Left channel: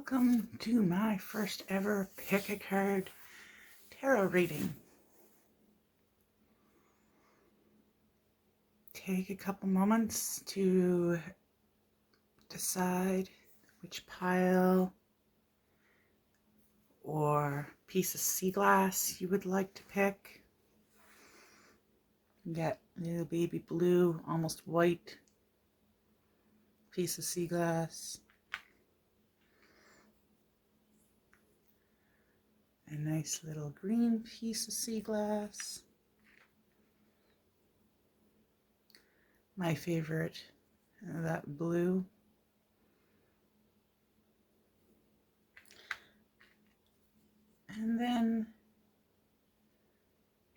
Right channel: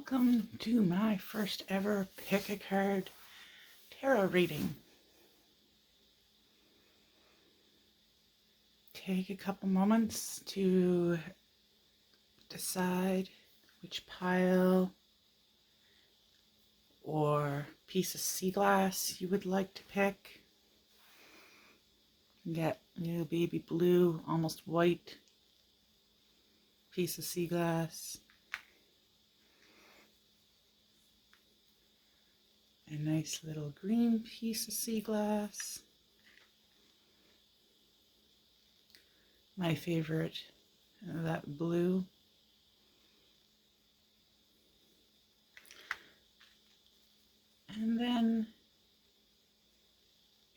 Welcome to my first ever pick a card tarot reading. Take a couple moments to decide which pile or piece of sea glass you would like to pick. That little baby blue, almost white piece of sea glass. A nice little green piece of sea glass. My favorite, that blue. And then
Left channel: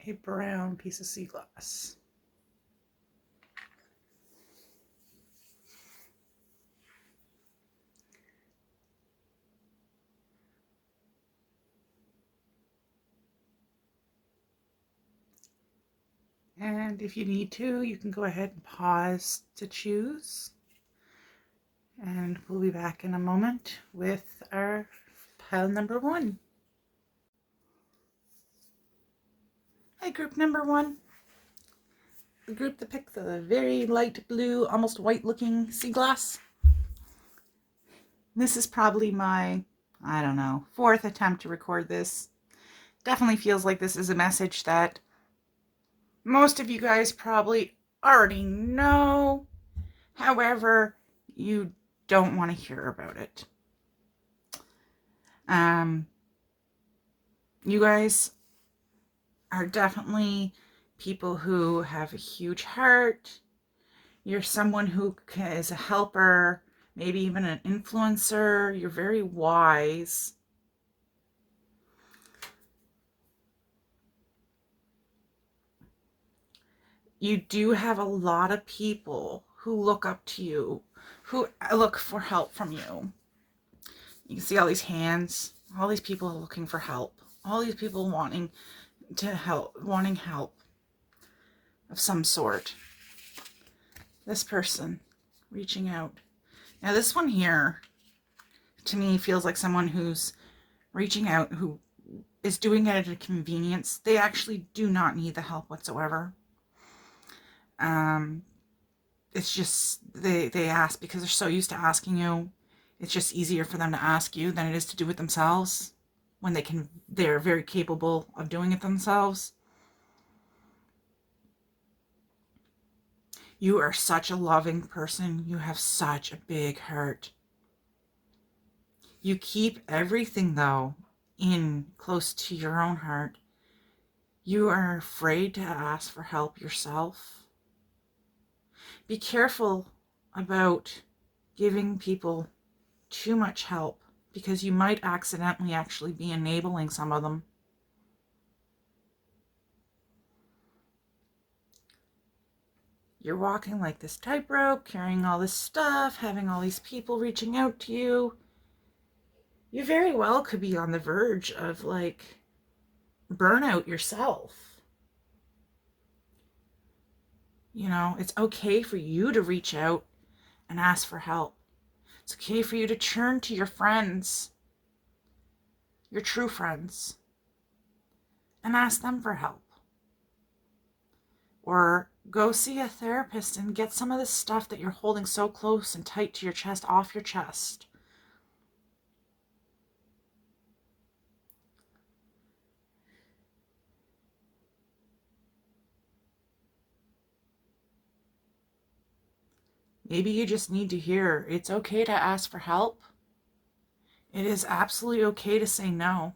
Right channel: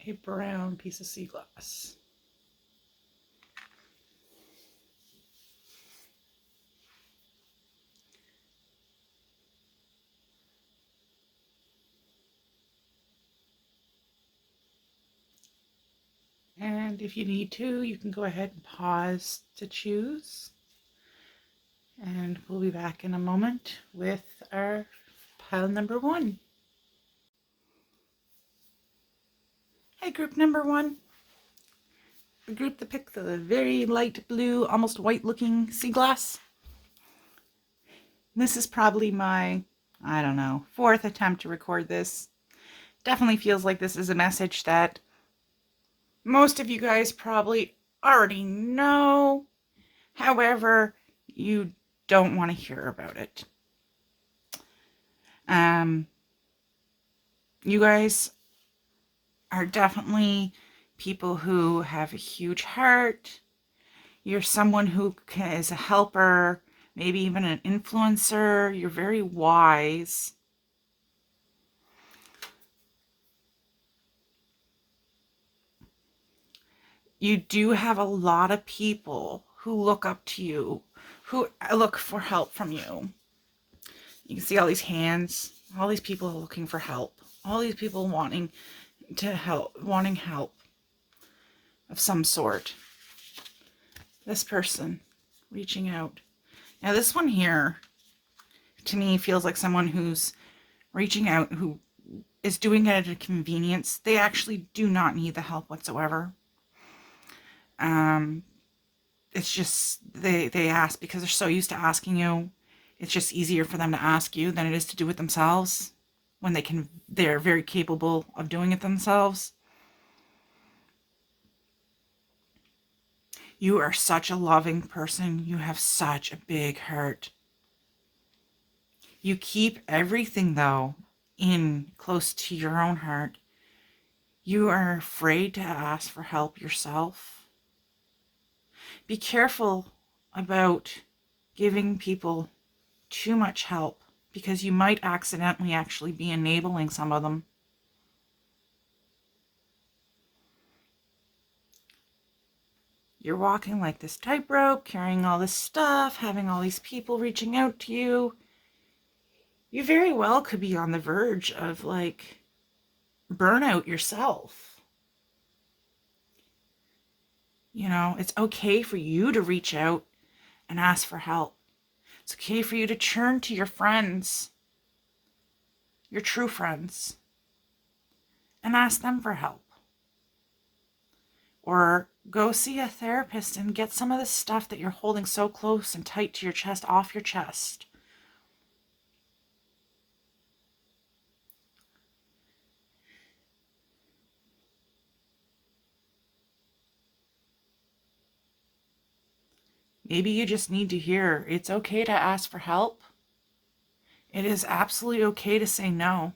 a brown piece of sea glass. And if you need to, you can go ahead and pause to choose. And we'll be back in a moment with our pile number one. Hey, group number one. The group that picked the very light blue, almost white looking sea glass. This is probably my, fourth attempt to record this. Definitely feels like this is a message that most of you guys probably already know. However, you don't want to hear about it. You guys are definitely people who have a huge heart. You're someone who is a helper, maybe even an influencer. You're very wise. You do have a lot of people who look up to you, who look for help from you. You can see all these hands, all these people looking for help, all these people wanting help of some sort. This person reaching out. Now this one here, to me, feels like someone who's reaching out, who is doing it at a convenience. They actually do not need the help whatsoever. It's just, they ask because they're so used to asking you. It's just easier for them to ask you than it is to do it themselves when they're very capable of doing it themselves. You are such a loving person. You have such a big heart. You keep everything, though, in close to your own heart. You are afraid to ask for help yourself. Be careful about giving people too much help because you might accidentally actually be enabling some of them. You're walking like this tightrope, carrying all this stuff, having all these people reaching out to you. You very well could be on the verge of like burnout yourself. You know, it's okay for you to reach out and ask for help. It's okay for you to turn to your friends, your true friends, and ask them for help. Or go see a therapist and get some of the stuff that you're holding so close and tight to your chest off your chest. Maybe you just need to hear it's okay to ask for help. It is absolutely okay to say no.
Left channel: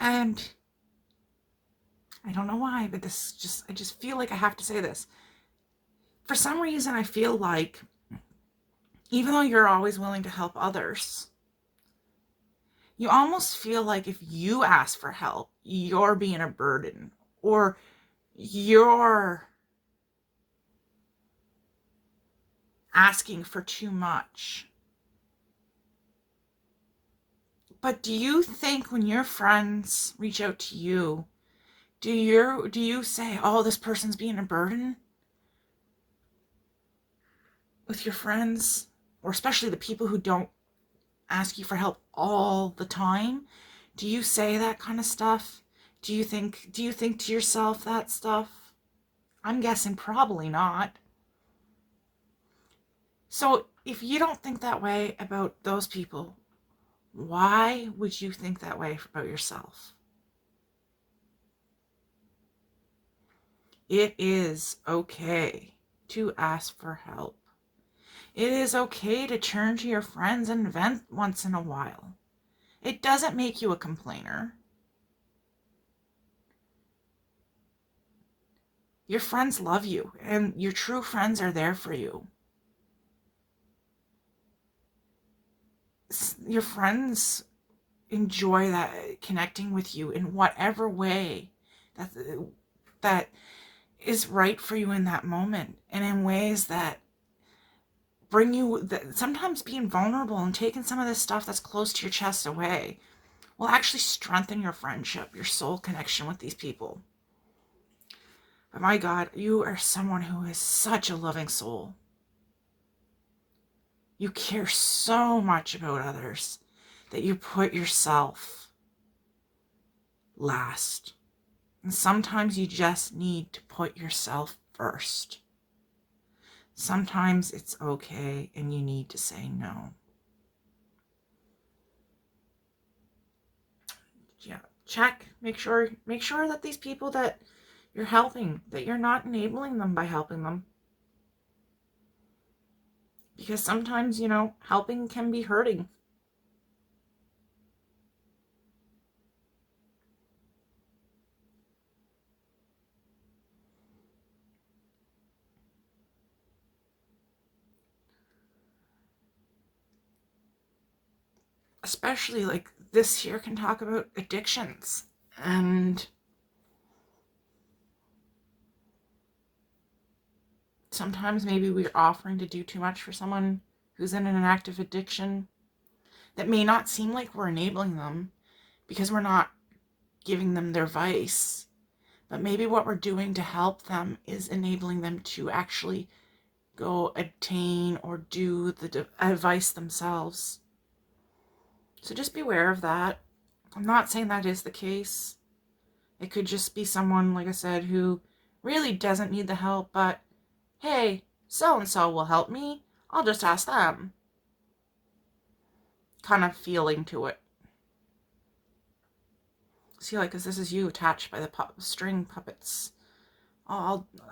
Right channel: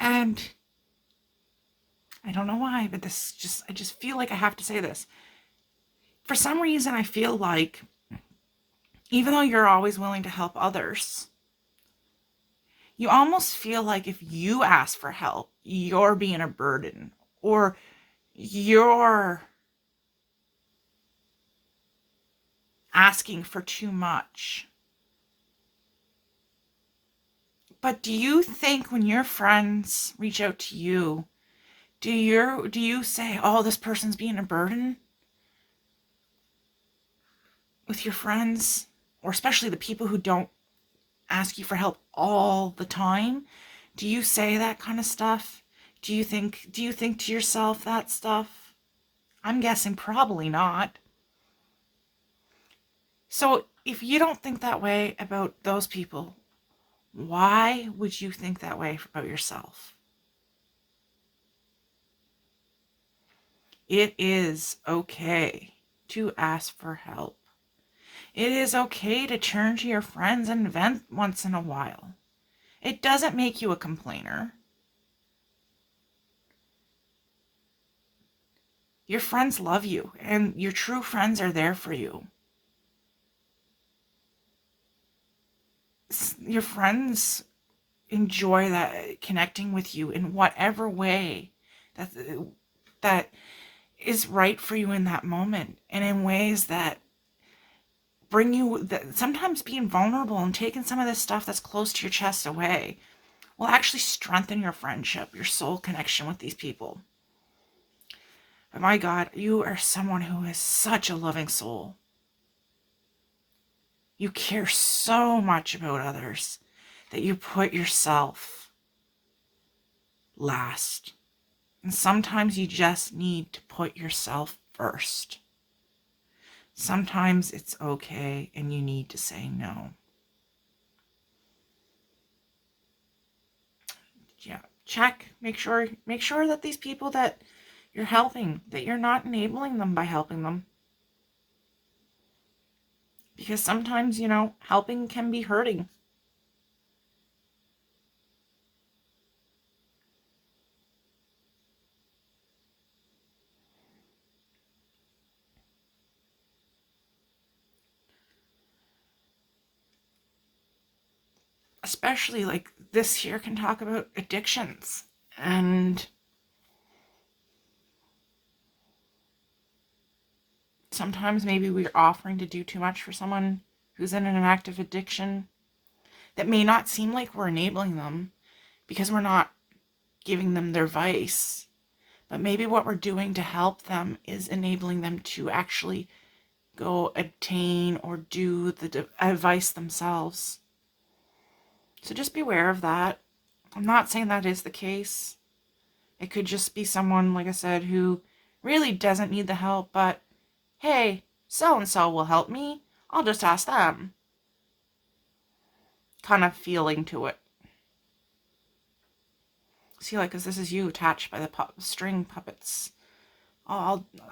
And I don't know why, but I just feel like I have to say this. For some reason, I feel like even though you're always willing to help others, you almost feel like if you ask for help, you're being a burden, or you're asking for too much. But do you think when your friends reach out to you, do you say, oh, this person's being a burden? with your friends, or especially the people who don't ask you for help all the time? Do you say that kind of stuff? Do you think to yourself that stuff? I'm guessing probably not. So if you don't think that way about those people, why would you think that way about yourself? It is okay to ask for help. It is okay to turn to your friends and vent once in a while. It doesn't make you a complainer. Your friends love you, and your true friends are there for you. Your friends enjoy that connecting with you in whatever way that that is right for you in that moment, and in ways that bring you that sometimes being vulnerable and taking some of this stuff that's close to your chest away will actually strengthen your friendship, your soul connection with these people. But my God, you are someone who has such a loving soul. You care so much about others that you put yourself last. And sometimes you just need to put yourself first. Sometimes it's okay and you need to say no. Yeah, check, make sure that these people that you're helping, that you're not enabling them by helping them. Because sometimes, helping can be hurting. Especially like this here can talk about addictions. And sometimes maybe we're offering to do too much for someone who's in an active addiction that may not seem like we're enabling them because we're not giving them their vice. But maybe what we're doing to help them is enabling them to actually go attain or do the advice themselves. So just beware of that. I'm not saying that is the case. It could just be someone, like I said, who really doesn't need the help, but hey, so-and-so will help me. I'll just ask them. Kind of feeling to it. See, like, because this is you attached by the string puppets.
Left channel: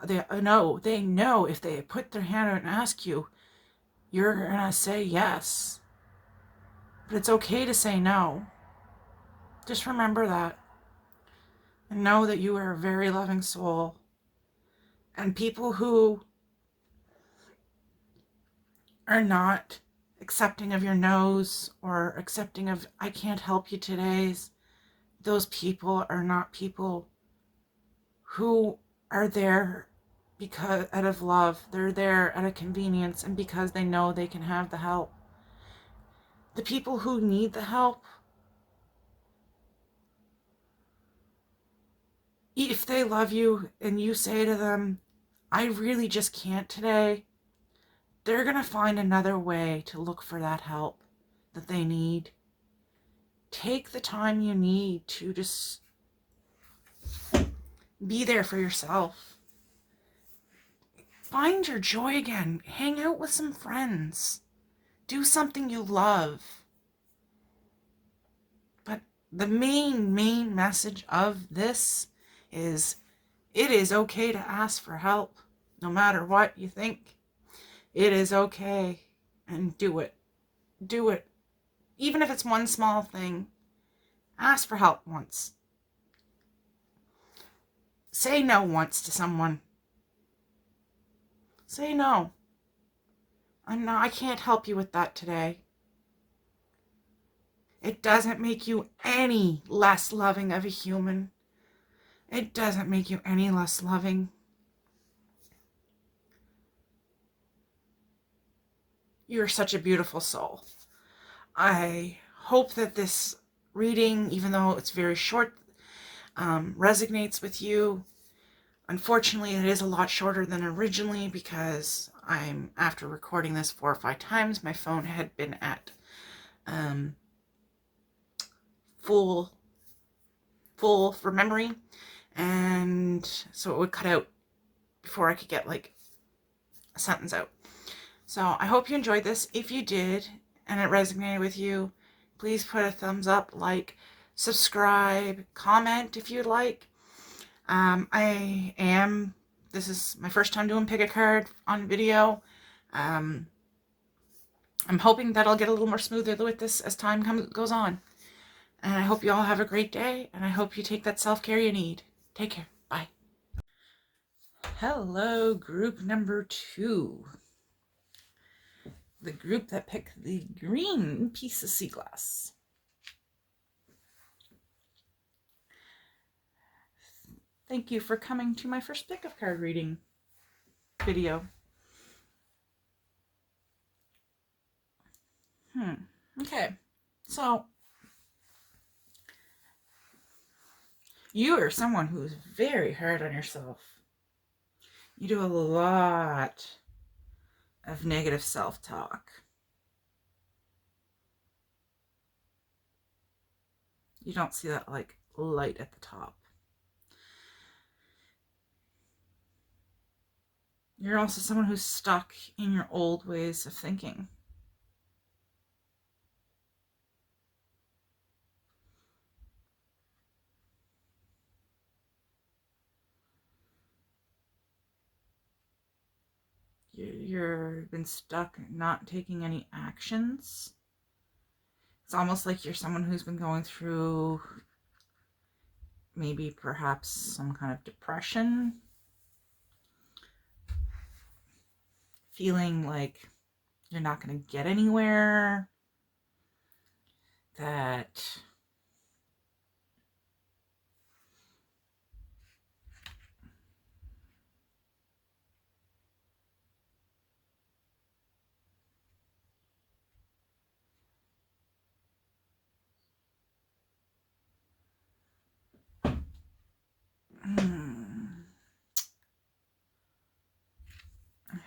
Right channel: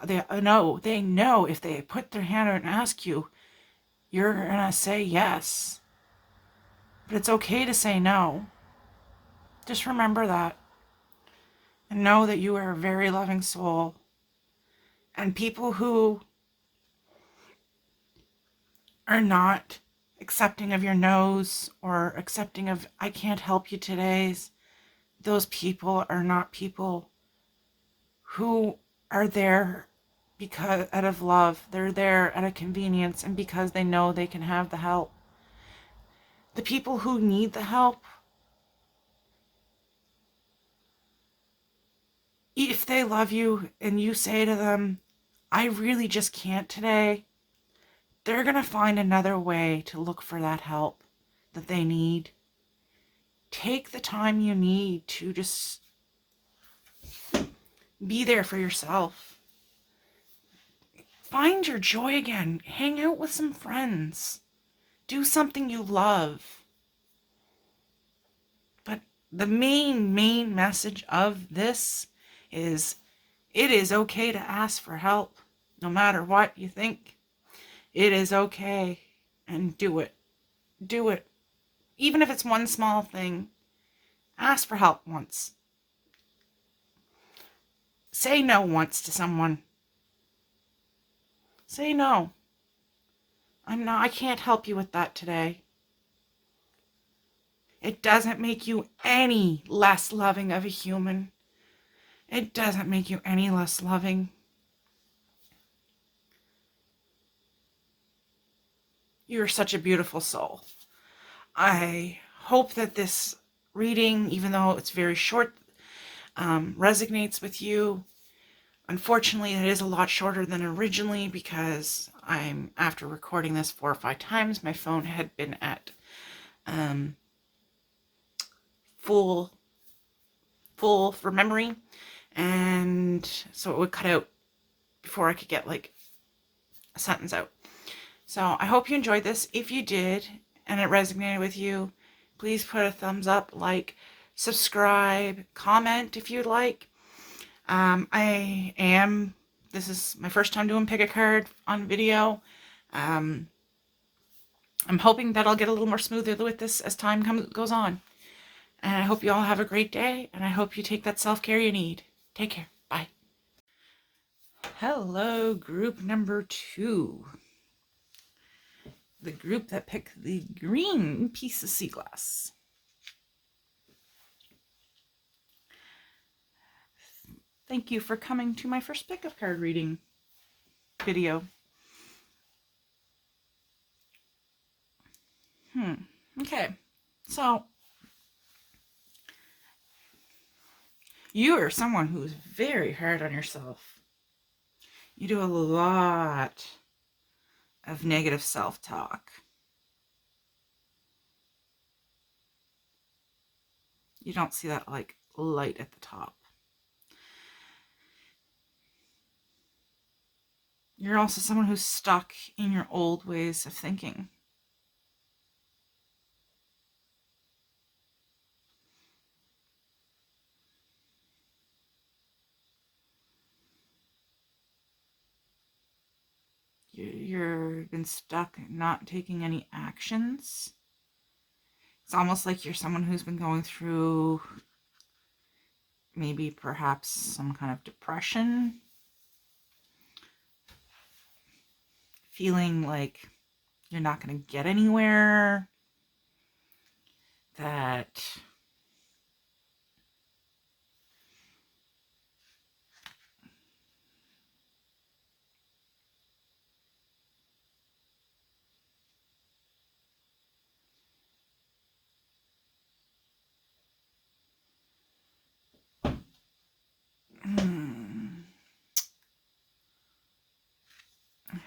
They know if they put their hand out and ask you, you're gonna say yes. But it's okay to say no. Just remember that. And know that you are a very loving soul. And people who are not accepting of your no's or accepting of I can't help you today's, those people are not people who are there because out of love. They're there out of convenience and because they know they can have the help. The people who need the help, if they love you and you say to them, I really just can't today, they're going to find another way to look for that help that they need. Take the time you need to just be there for yourself. Find your joy again. Hang out with some friends. Do something you love. But the main message of this is it is okay to ask for help. No matter what you think, it is okay. And do it. Do it. Even if it's one small thing, ask for help once. Say no once to someone. Say no. I can't help you with that today. It doesn't make you any less loving of a human. It doesn't make you any less loving. You're such a beautiful soul. I hope that this reading, even though it's very short, resonates with you. Unfortunately, it is a lot shorter than originally because I'm after recording this 4 or 5 times, my phone had been at full for memory, and so it would cut out before I could get like a sentence out. So I hope you enjoyed this. If you did and it resonated with you, please put a thumbs up, like, subscribe, comment if you'd like. This is my first time doing pick a card on video. I'm hoping that I'll get a little more smoother with this as time goes on. And I hope you all have a great day, and I hope you take that self-care you need. Take care. Bye. Hello, group number 2. The group that picked the green piece of sea glass. Thank you for coming to my first pick of card reading video. Okay, so you are someone who's very hard on yourself. You do a lot of negative self-talk. You don't see that like light at the top. You're also someone who's stuck in your old ways of thinking. You've been stuck not taking any actions. It's almost like you're someone who's been going through maybe perhaps some kind of depression. Feeling like you're not going to get anywhere. That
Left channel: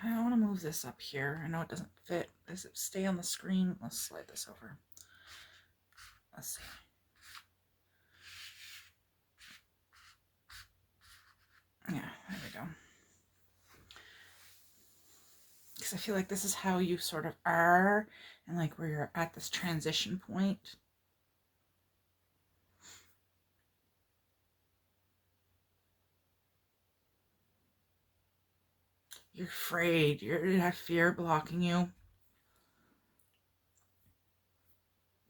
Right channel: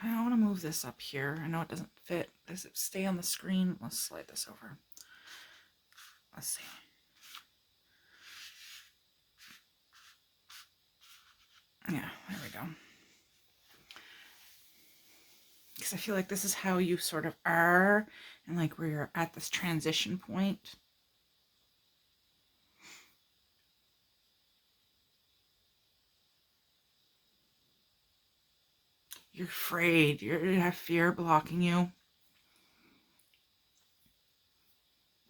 I want to move this up here. I know it doesn't fit. Does it stay on the screen? Let's slide this over. Let's see. Yeah, there we go. Because I feel like this is how you sort of are, and like where you're at this transition point. You're afraid. You have fear blocking you.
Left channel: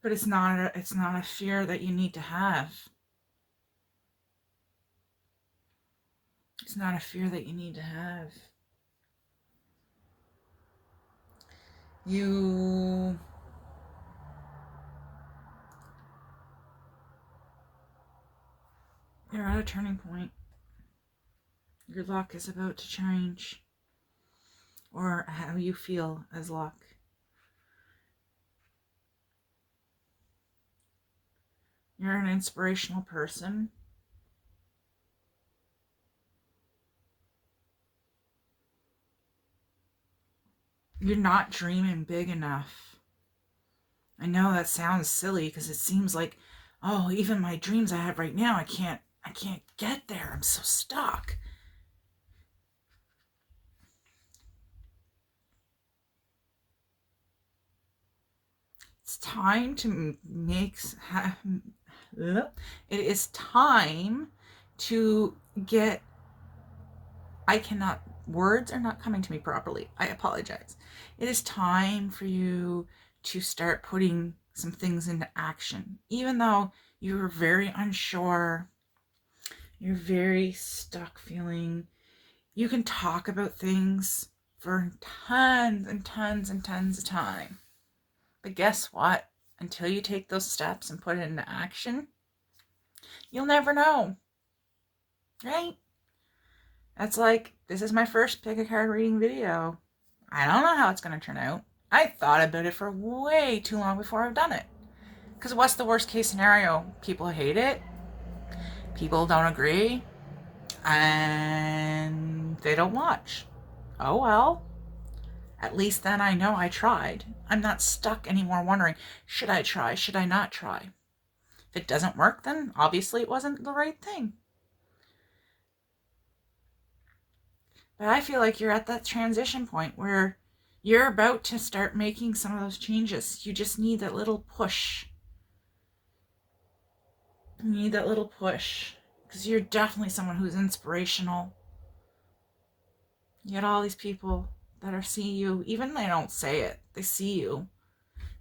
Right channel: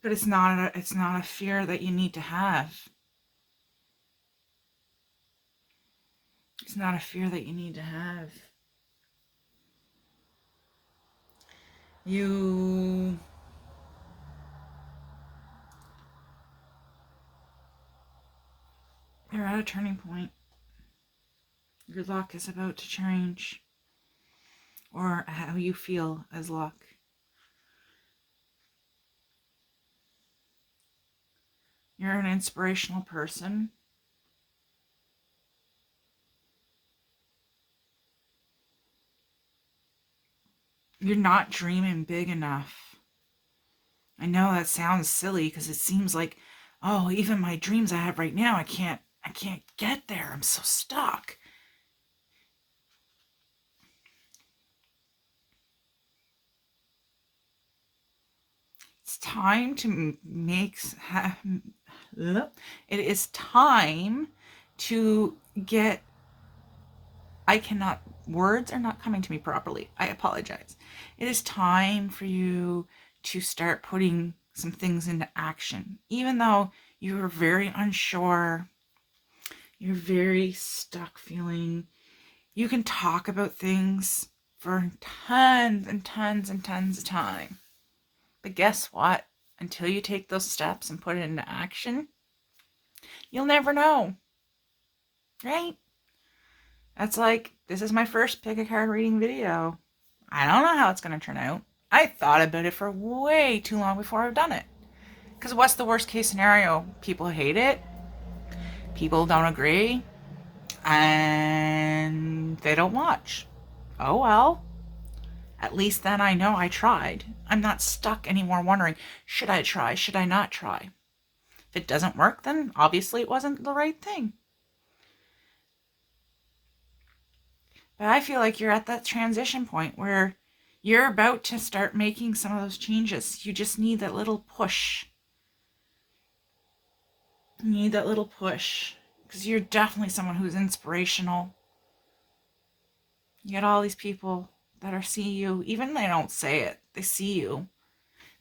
But it's not a fear that you need to have. It's not a fear that you need to have. You're at a turning point. Your luck is about to change. Or how you feel as luck. You're an inspirational person. You're not dreaming big enough. I know that sounds silly because it seems like, oh, even my dreams I have right now, I can't get there. I'm so stuck. It's time to it is time to get, words are not coming to me properly. I apologize. It is time for you to start putting some things into action. Even though you're very unsure, you're very stuck feeling, you can talk about things for tons and tons and tons of time. But guess what? Until you take those steps and put it into action, you'll never know. Right? That's like, this is my first pick a card reading video. I don't know how it's going to turn out. I thought about it for way too long before I've done it. Because what's the worst case scenario? People hate it. People don't agree. And they don't watch. Oh well. At least then I know I tried. I'm not stuck anymore wondering, should I try? Should I not try? If it doesn't work, then obviously it wasn't the right thing. But I feel like you're at that transition point where you're about to start making some of those changes. You just need that little push. You need that little push because you're definitely someone who's inspirational. You get all these people that are see you, even they don't say it, they see you.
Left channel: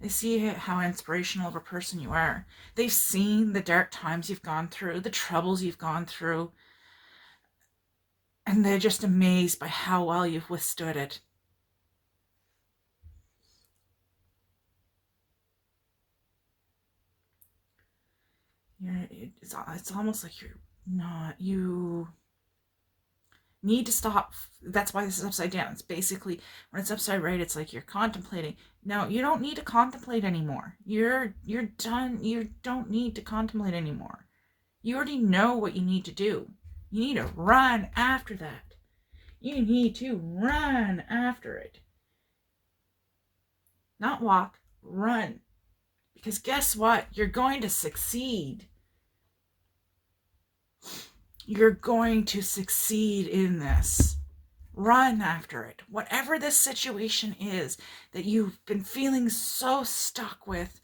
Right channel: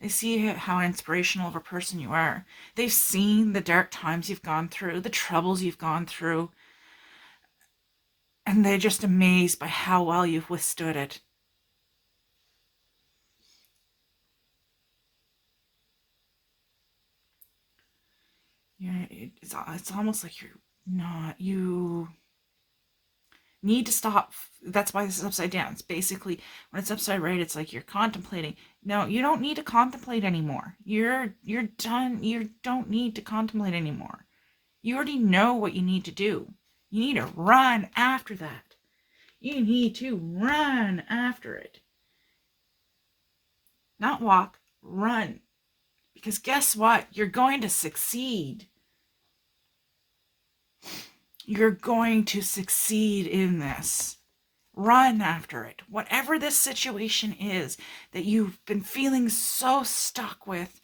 They see how inspirational of a person you are. They've seen the dark times you've gone through, the troubles you've gone through, and they're just amazed by how well you've withstood it. It's almost like you need to stop. That's why this is upside down. It's basically, when it's upside right, it's like you're contemplating. No, you don't need to contemplate anymore. You're done. You don't need to contemplate anymore. You already know what you need to do. You need to run after that. You need to run after it. Not walk, run. Because guess what? You're going to succeed. You're going to succeed in this. Run after it. Whatever this situation is that you've been feeling so stuck with,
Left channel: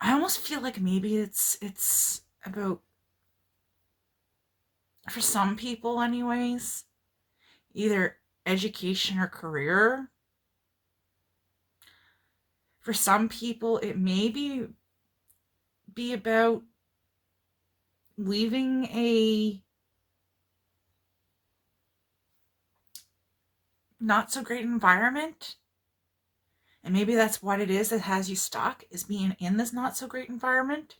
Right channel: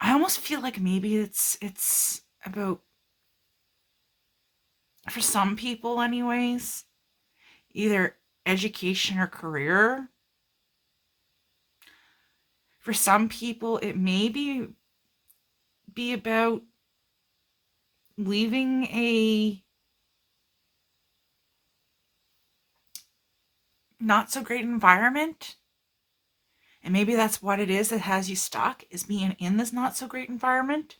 I almost feel like maybe it's about, for some people anyways, either education or career. For some people, it may be about leaving a not so great environment. And maybe that's what it is that has you stuck, is being in this not so great environment.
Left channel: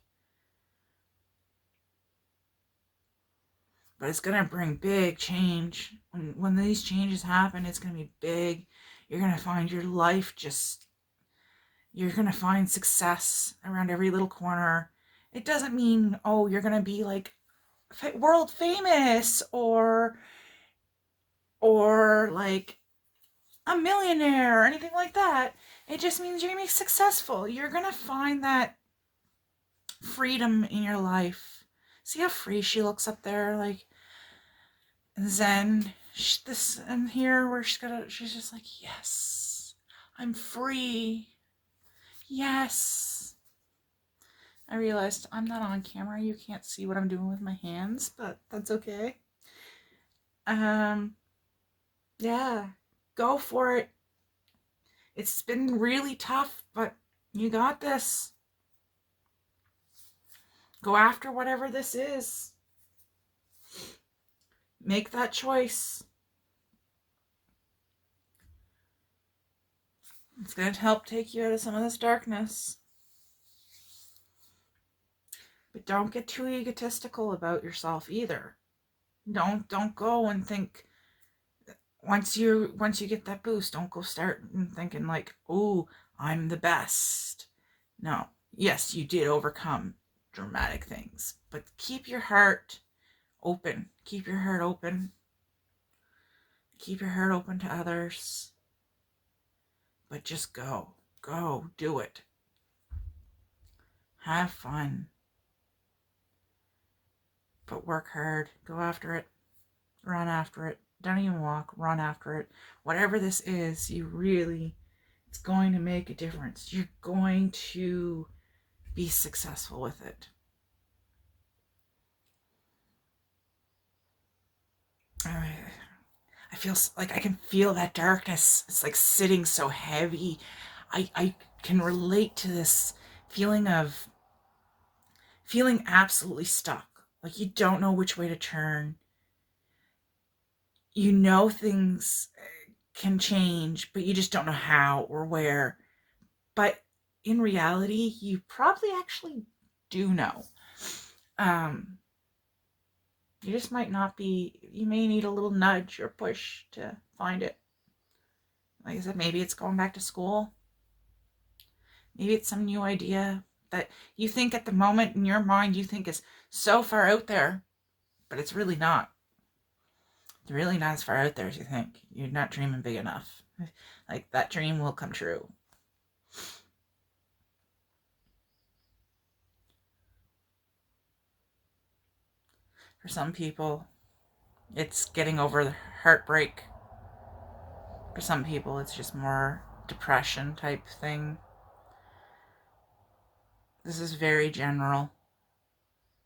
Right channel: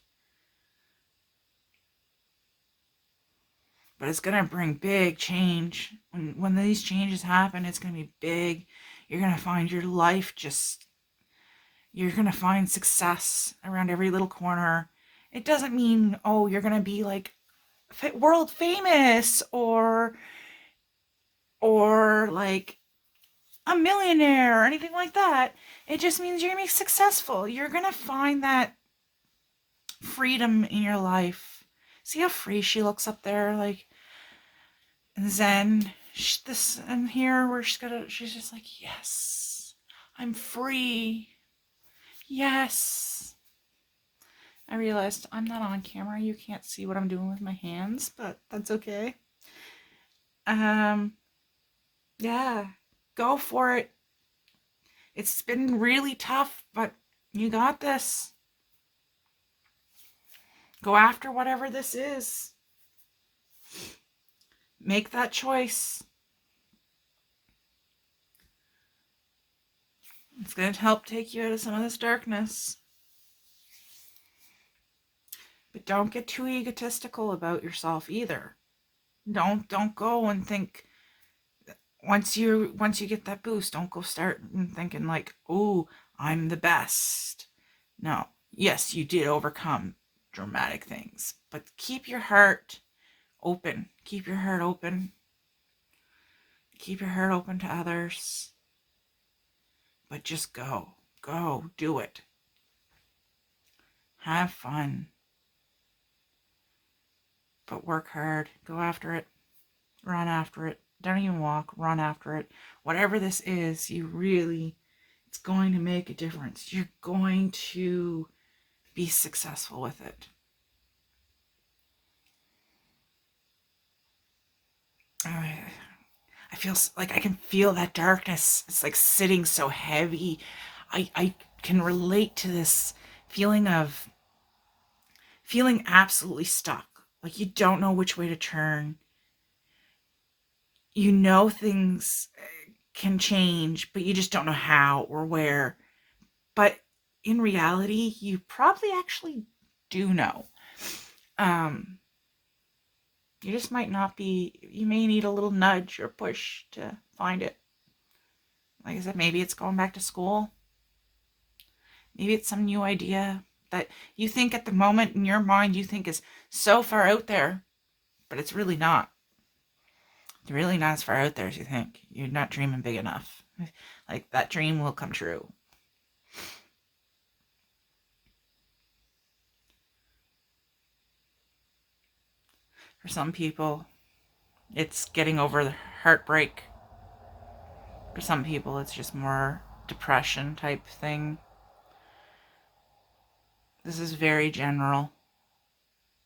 But it's going to bring big change. When these changes happen, it's going to be big. You're going to find your life you're going to find success around every little corner. It doesn't mean, oh, you're going to be like world famous or like a millionaire or anything like that. It just means you're going to be successful. You're going to find that freedom in your life. See how free she looks up there, like Zen. This and here where she's just like, yes, I'm free. Yes. I realized I'm not on camera. You can't see what I'm doing with my hands, but that's okay. Yeah, go for it. It's been really tough, but you got this. Go after whatever this is. Make that choice. It's going to help take you out of some of this darkness. But don't get too egotistical about yourself either. Don't go and think, once you get that boost, don't go start thinking like, oh, I'm the best. No. Yes, you did overcome dramatic things, but keep your heart open. Keep your heart open. Keep your heart open to others. But just go. Go. Do it. Have fun. But work hard. Go after it. Run after it. Don't even walk. Run after it. Whatever this is, it's going to make a difference. You're going to be successful with it. I feel like I can feel that darkness. It's like sitting so heavy. I can relate to this feeling of feeling absolutely stuck. Like you don't know which way to turn. You know things can change, but you just don't know how or where. But in reality, you probably actually do know. You just might not be, you may need a little nudge or push to find it. Like I said, maybe it's going back to school. Maybe it's some new idea that you think at the moment in your mind you think is so far out there, but it's really not. You're really not as far out there as you think. You're not dreaming big enough. Like, that dream will come true. For some people, it's getting over the heartbreak. For some people, it's just more depression type thing. This is very general.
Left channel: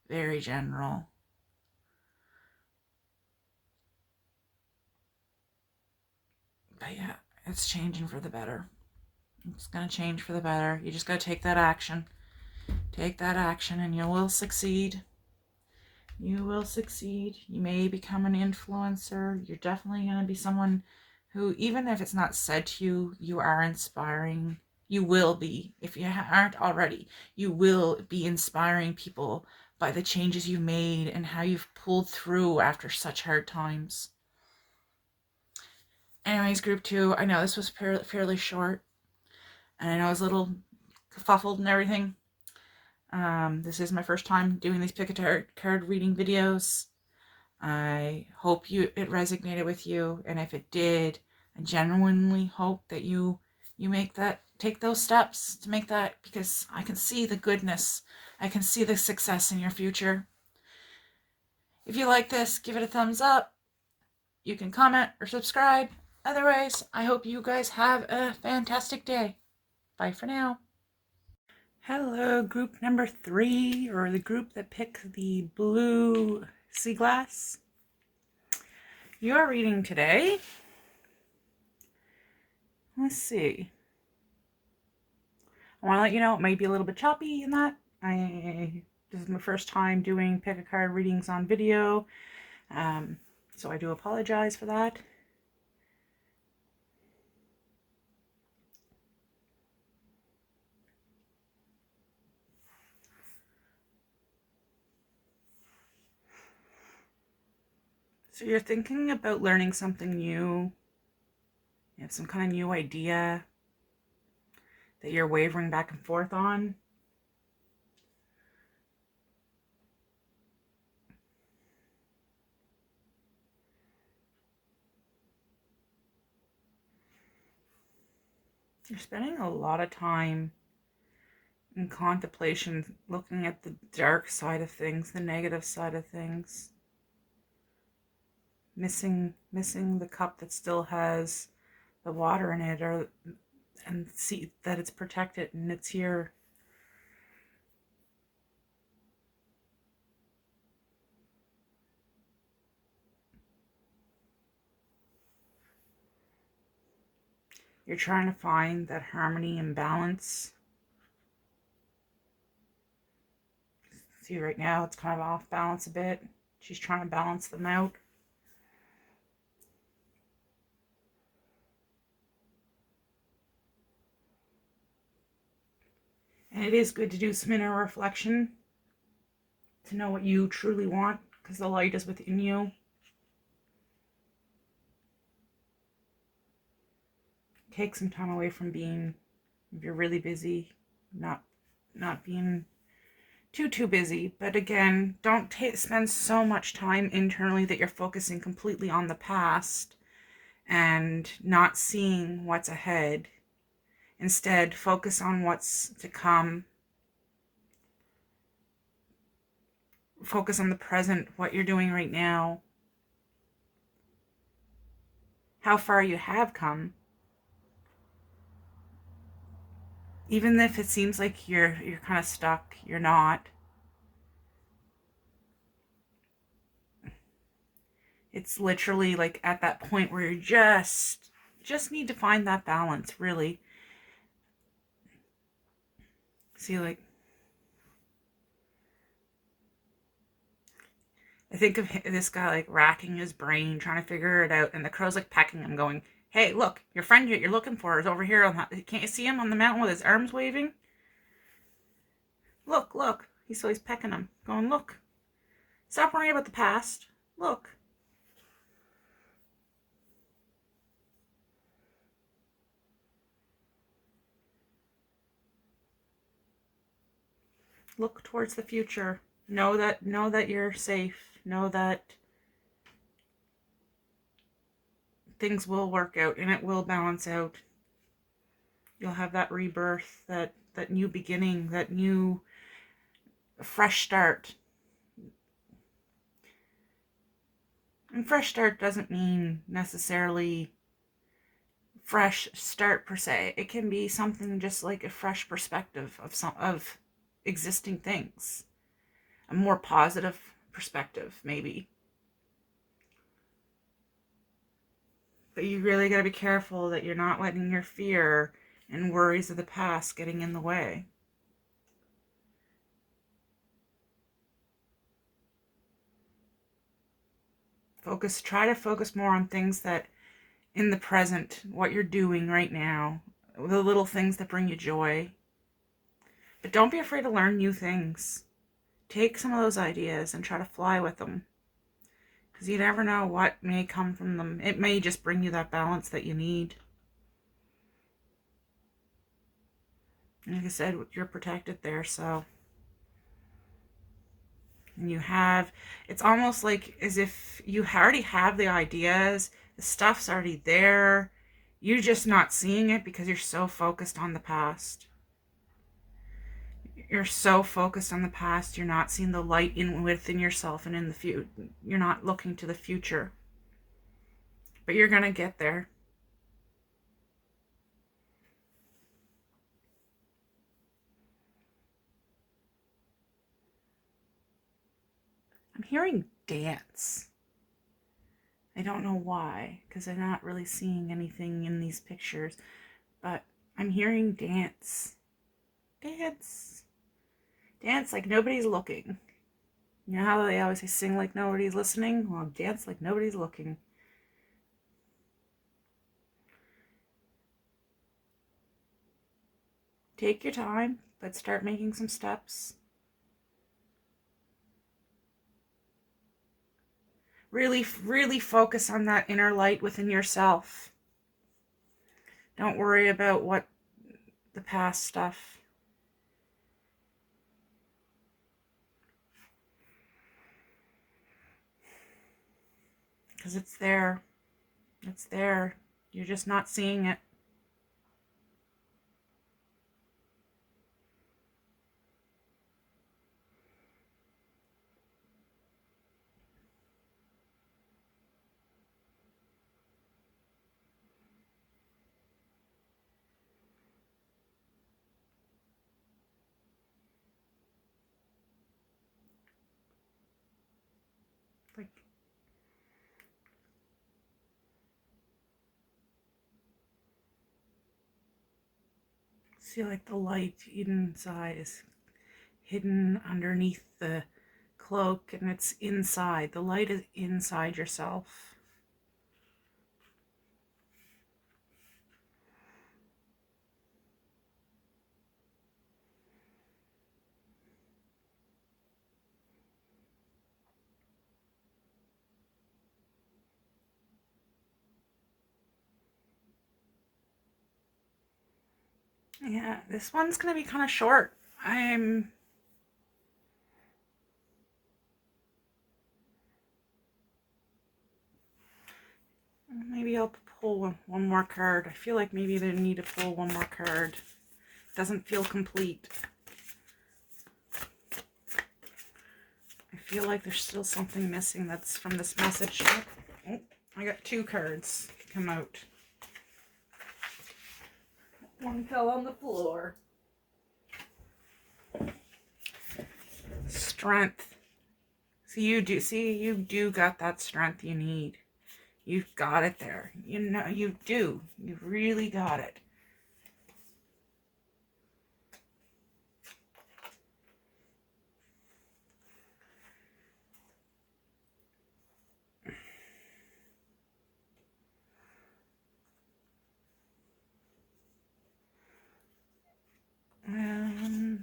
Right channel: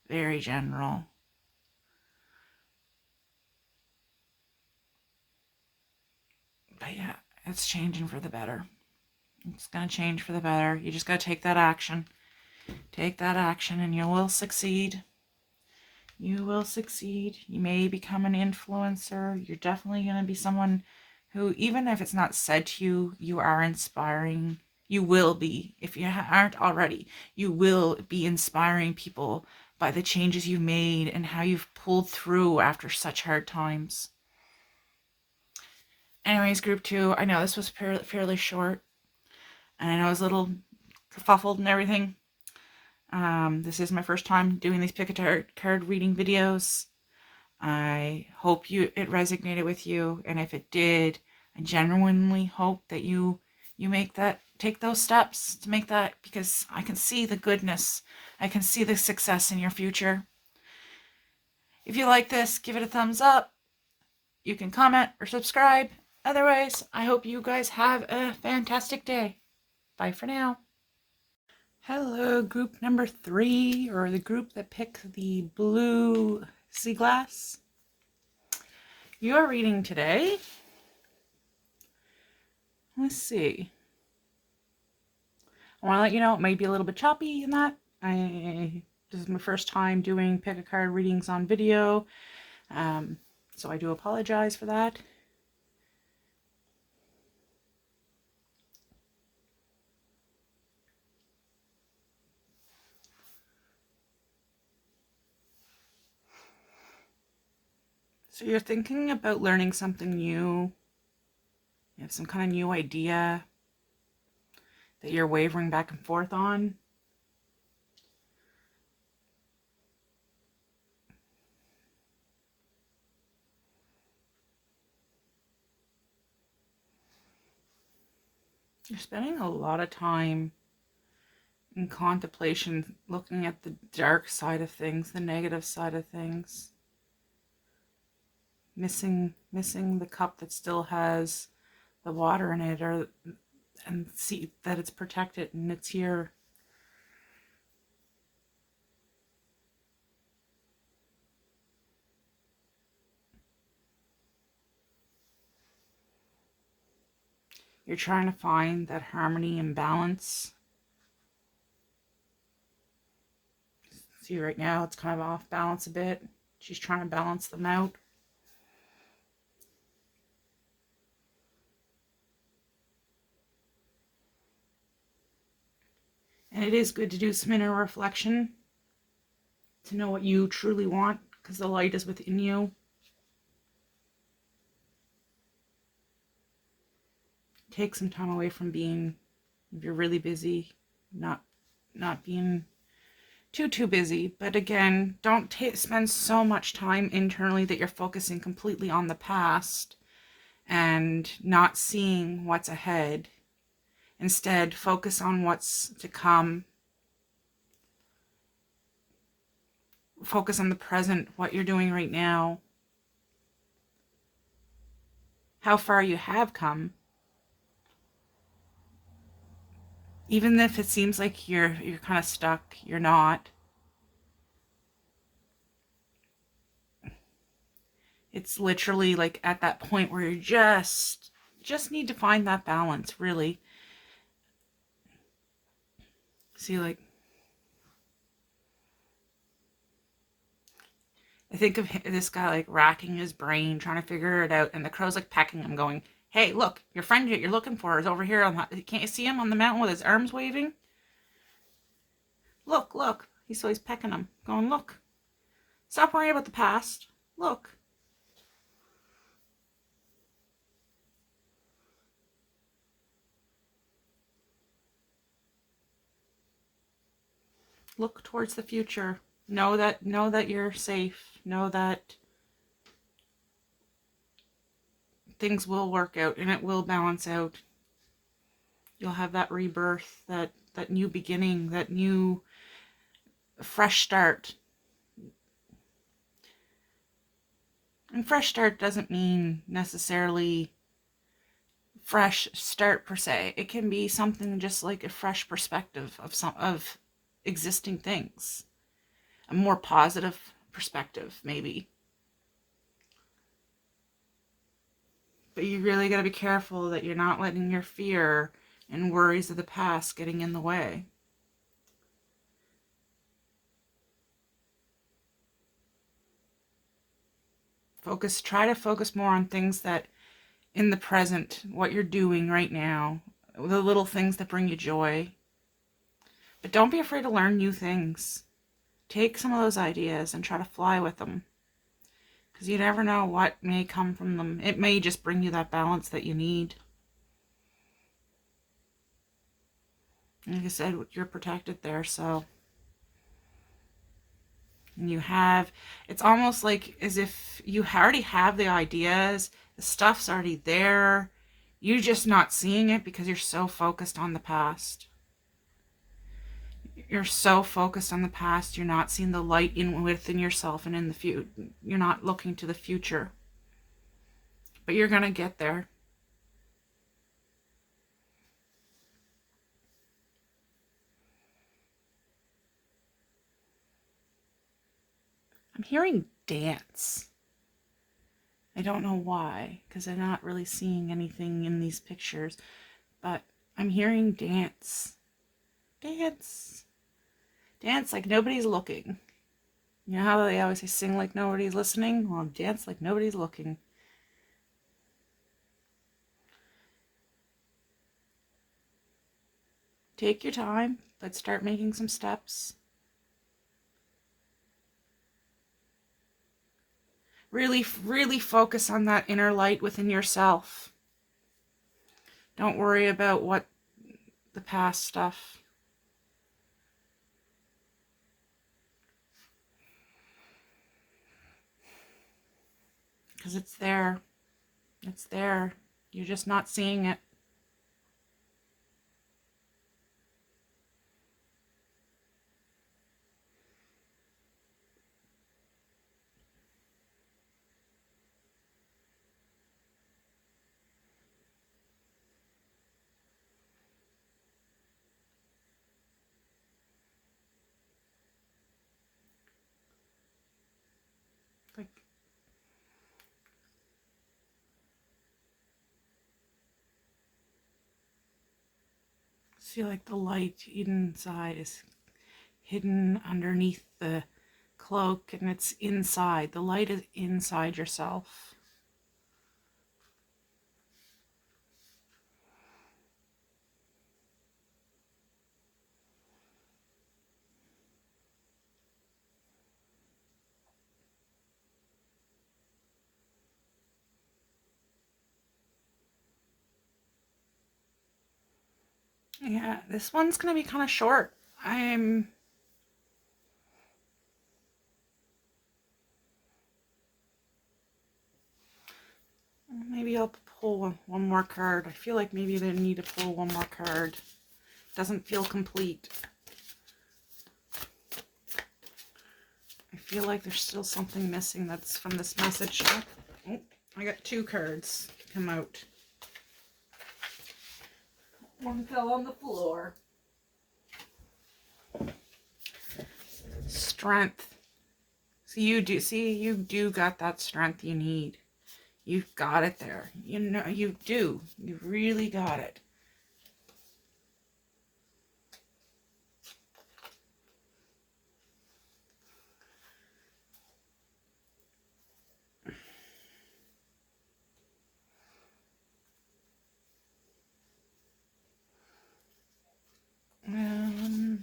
Very general. But yeah, it's changing for the better. It's going to change for the better. You just got to take that action. Take that action and you will succeed. You will succeed. You may become an influencer. You're definitely going to be someone who, even if it's not said to you, you are inspiring. You will be. If you aren't already, you will be inspiring people by the changes you've made and how you've pulled through after such hard times. Anyways, group 2, I know this was fairly short, and I know it was a little kerfuffled and everything. This is my first time doing these pick a card reading videos. I hope it resonated with you, and if it did, I genuinely hope that you take those steps to make that, because I can see the goodness. I can see the success in your future. If you like this, give it a thumbs up. You can comment or subscribe. Otherwise, I hope you guys have a fantastic day. Bye for now. Hello, group number 3, or the group that picked the blue sea glass. Your reading today, let's see. I want to let you know it might be a little bit choppy in that. This is my first time doing pick a card readings on video, so I do apologize for that. So you're thinking about learning something new. You have some kind of new idea that you're wavering back and forth on. You're spending a lot of time in contemplation, looking at the dark side of things, the negative side of things. Missing the cup that still has the water in it, and see that it's protected and it's here. You're trying to find that harmony and balance. See, right now it's kind of off balance a bit. She's trying to balance them out. And it is good to do some inner reflection to know what you truly want, because the light is within you. Take some time away from being, if you're really busy, not being too busy. But again, don't spend so much time internally that you're focusing completely on the past and not seeing what's ahead. Instead, focus on what's to come. Focus on the present, what you're doing right now, how far you have come. Even if it seems like you're kind of stuck, you're not. It's literally like at that point where you just need to find that balance, really. See, like, I think of this guy like racking his brain, trying to figure it out, and the crow's like pecking him, going, "Hey, look, your friend you're looking for is over here on that. Can't you see him on the mountain with his arms waving? Look." He's pecking him, going, "Look. Stop worrying about the past. Look." Look towards the future. Know that you're safe. Know that things will work out and it will balance out. You'll have that rebirth, that new beginning, that new fresh start. And fresh start doesn't mean necessarily fresh start per se. It can be something just like a fresh perspective of existing things. A more positive perspective, maybe. But you really got to be careful that you're not letting your fear and worries of the past getting in the way. Try to focus more on things that in the present, what you're doing right now, the little things that bring you joy. But don't be afraid to learn new things. Take some of those ideas and try to fly with them. Because you never know what may come from them. It may just bring you that balance that you need. Like I said, you're protected there, so. And it's almost like as if you already have the ideas, the stuff's already there. You're just not seeing it because you're so focused on the past. You're so focused on the past, you're not seeing the light within yourself and in the future. You're not looking to the future. But you're going to get there. I'm hearing dance. I don't know why, because I'm not really seeing anything in these pictures, but I'm hearing dance. Dance. Dance like nobody's looking. You know how they always say sing like nobody's listening? Well, dance like nobody's looking. Take your time, but start making some steps. Really, really focus on that inner light within yourself. Don't worry about what the past stuff. Because it's there. It's there. You're just not seeing it. Like, feel like the light inside is hidden underneath the cloak and it's inside. The light is inside yourself. Yeah, this one's going to be kind of short. Maybe I'll pull one more card. I feel like maybe they need to pull one more card. Doesn't feel complete. I feel like there's still something missing that's from this message. Oh, I got two cards come out. One fell on the floor. Strength. So you do got that strength you need. You've got it there. You know, you do. You really got it.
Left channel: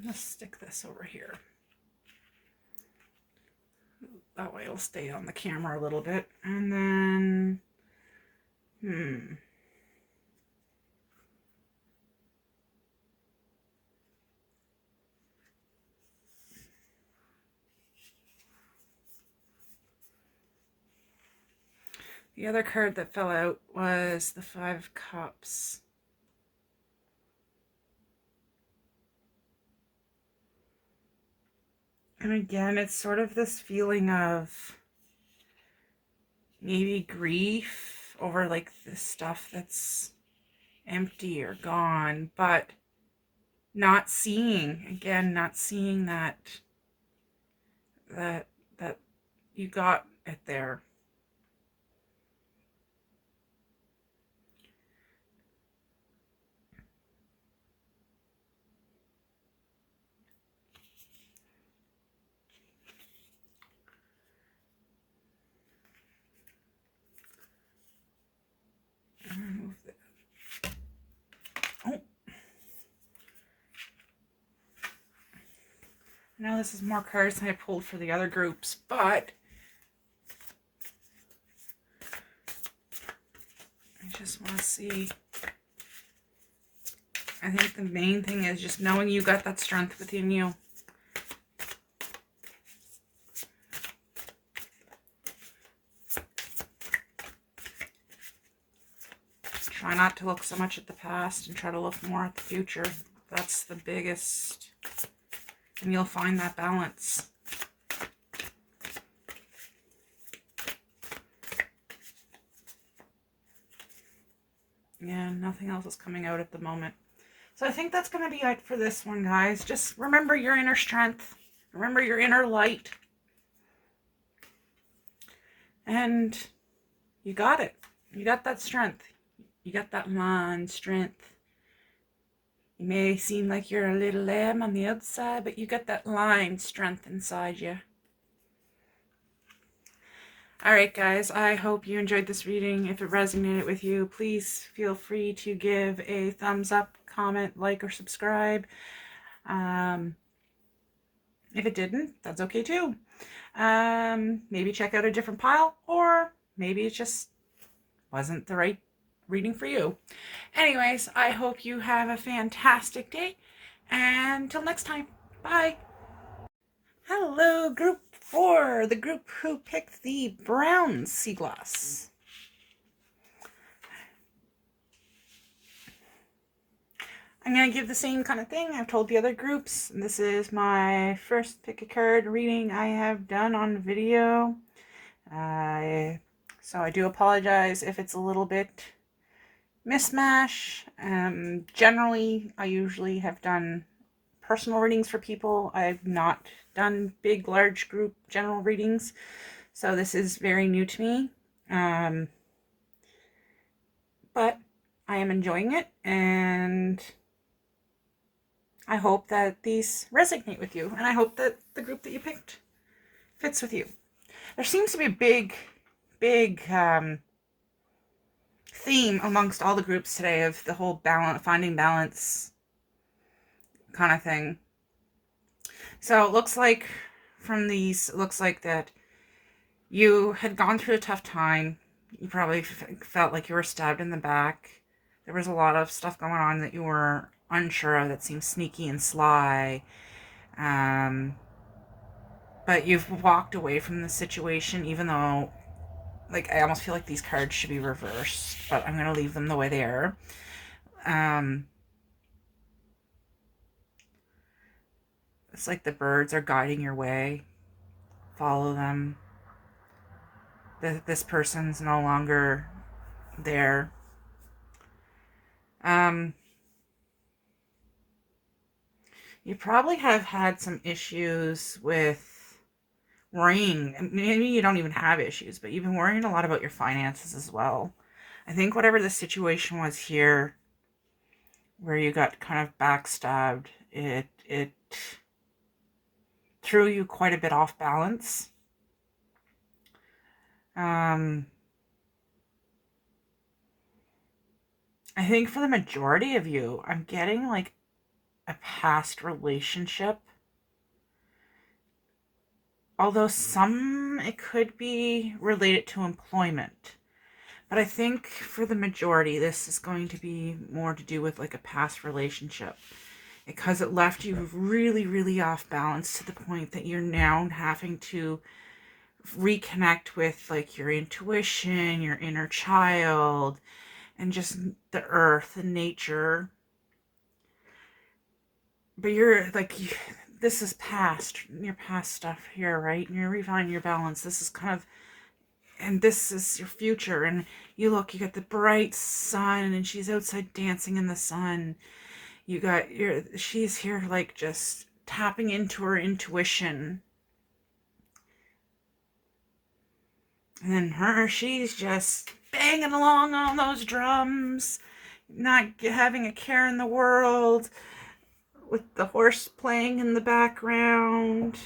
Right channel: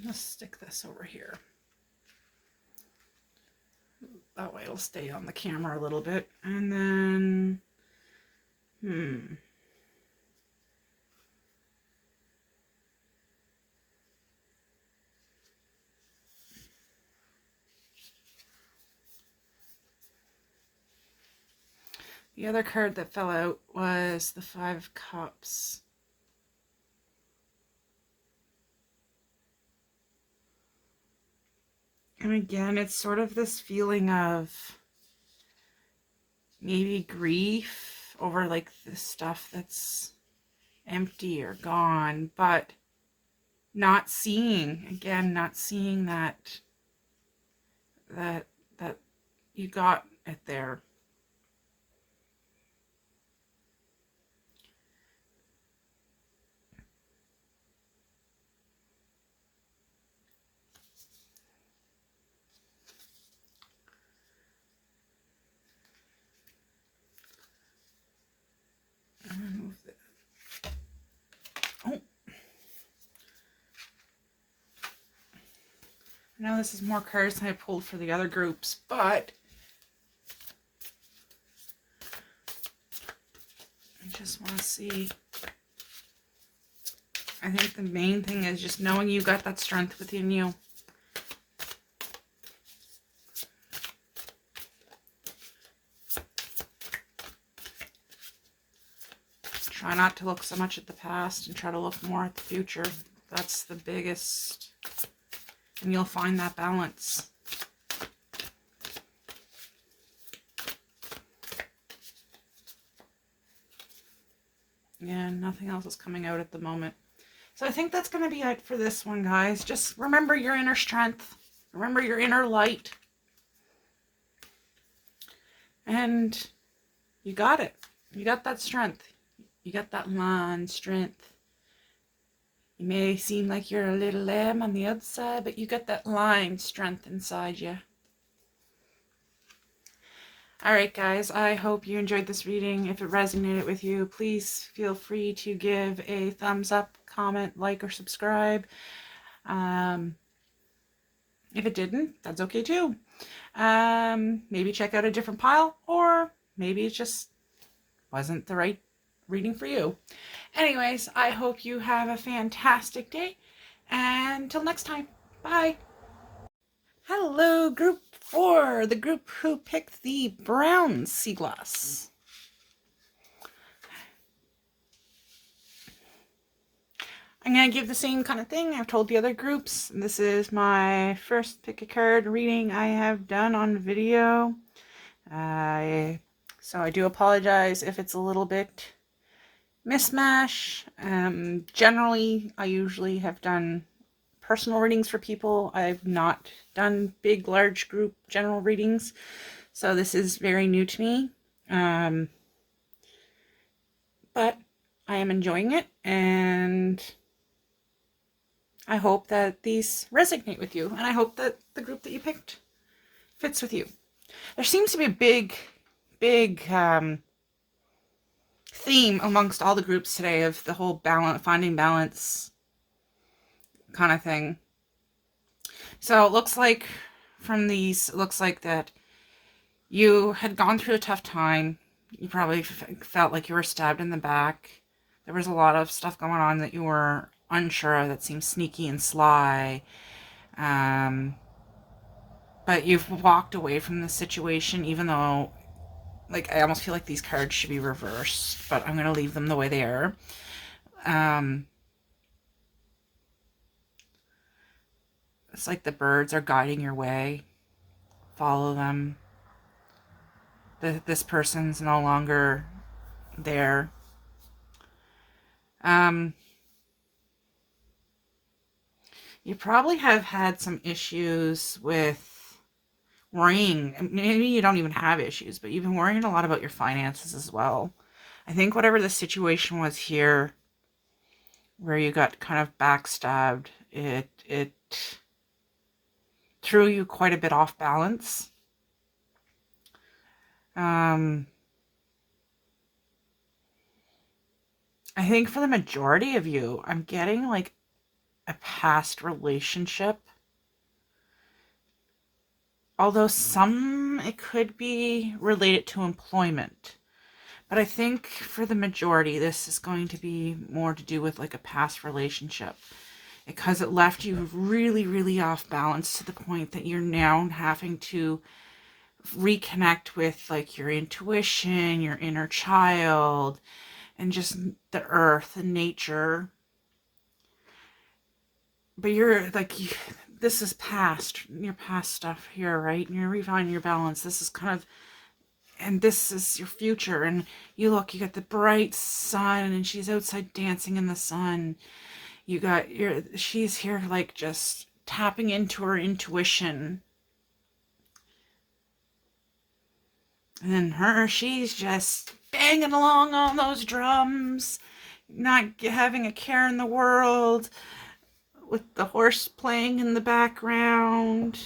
Let's stick this over here. That way it'll stay on the camera a little bit. And then, The other card that fell out was the Five of Cups. And again, it's sort of this feeling of maybe grief over like the stuff that's empty or gone, but not seeing that that you got it there. Oh, now this is more cards than I pulled for the other groups, but I just want to see. I think the main thing is just knowing you got that strength within you. Try not to look so much at the past and try to look more at the future. That's the biggest, and you'll find that balance. Yeah, nothing else is coming out at the moment. So I think that's going to be it for this one, guys. Just remember your inner strength. Remember your inner light. And you got it. You got that strength. You got that lion strength. You may seem like you're a little lamb on the outside, but you got that lion strength inside you. Alright guys, I hope you enjoyed this reading. If it resonated with you, please feel free to give a thumbs up, comment, like, or subscribe. If it didn't, that's okay too. Maybe check out a different pile, or maybe it just wasn't the right reading for you. Anyways, I hope you have a fantastic day, and until next time, bye. Hello, group 4, the group who picked the brown sea glass. I'm going to give the same kind of thing I've told the other groups. This is my first pick a card reading I have done on video. So I do apologize if it's a little bit mishmash. Generally, I usually have done personal readings for people. I've not done big, large group general readings. So this is very new to me. But I am enjoying it, and I hope that these resonate with you, and I hope that the group that you picked fits with you. There seems to be a big theme amongst all the groups today of the whole finding balance kind of thing. So it looks like from these, it looks like that you had gone through a tough time. You probably felt like you were stabbed in the back. There was a lot of stuff going on that you were unsure of, that seemed sneaky and sly. But you've walked away from the situation, even though, like, I almost feel like these cards should be reversed, but I'm going to leave them the way they are. It's like the birds are guiding your way. Follow them. This person's no longer there. You probably have had some issues with worrying. Maybe you don't even have issues, but you've been worrying a lot about your finances as well. I think whatever the situation was here, where you got kind of backstabbed, it threw you quite a bit off balance. I think for the majority of you, I'm getting like a past relationship. Although it could be related to employment. But I think for the majority, this is going to be more to do with like a past relationship. Because it left you really, really off balance to the point that you're now having to reconnect with like your intuition, your inner child, and just the earth and nature. But you're like, this is past, your past stuff here, right? And you're refining your balance. This is kind of, and this is your future. And you look, you got the bright sun, and she's outside dancing in the sun. You got she's here like just tapping into her intuition. And she's just banging along on those drums, not having a care in the world, with the horse playing in the background.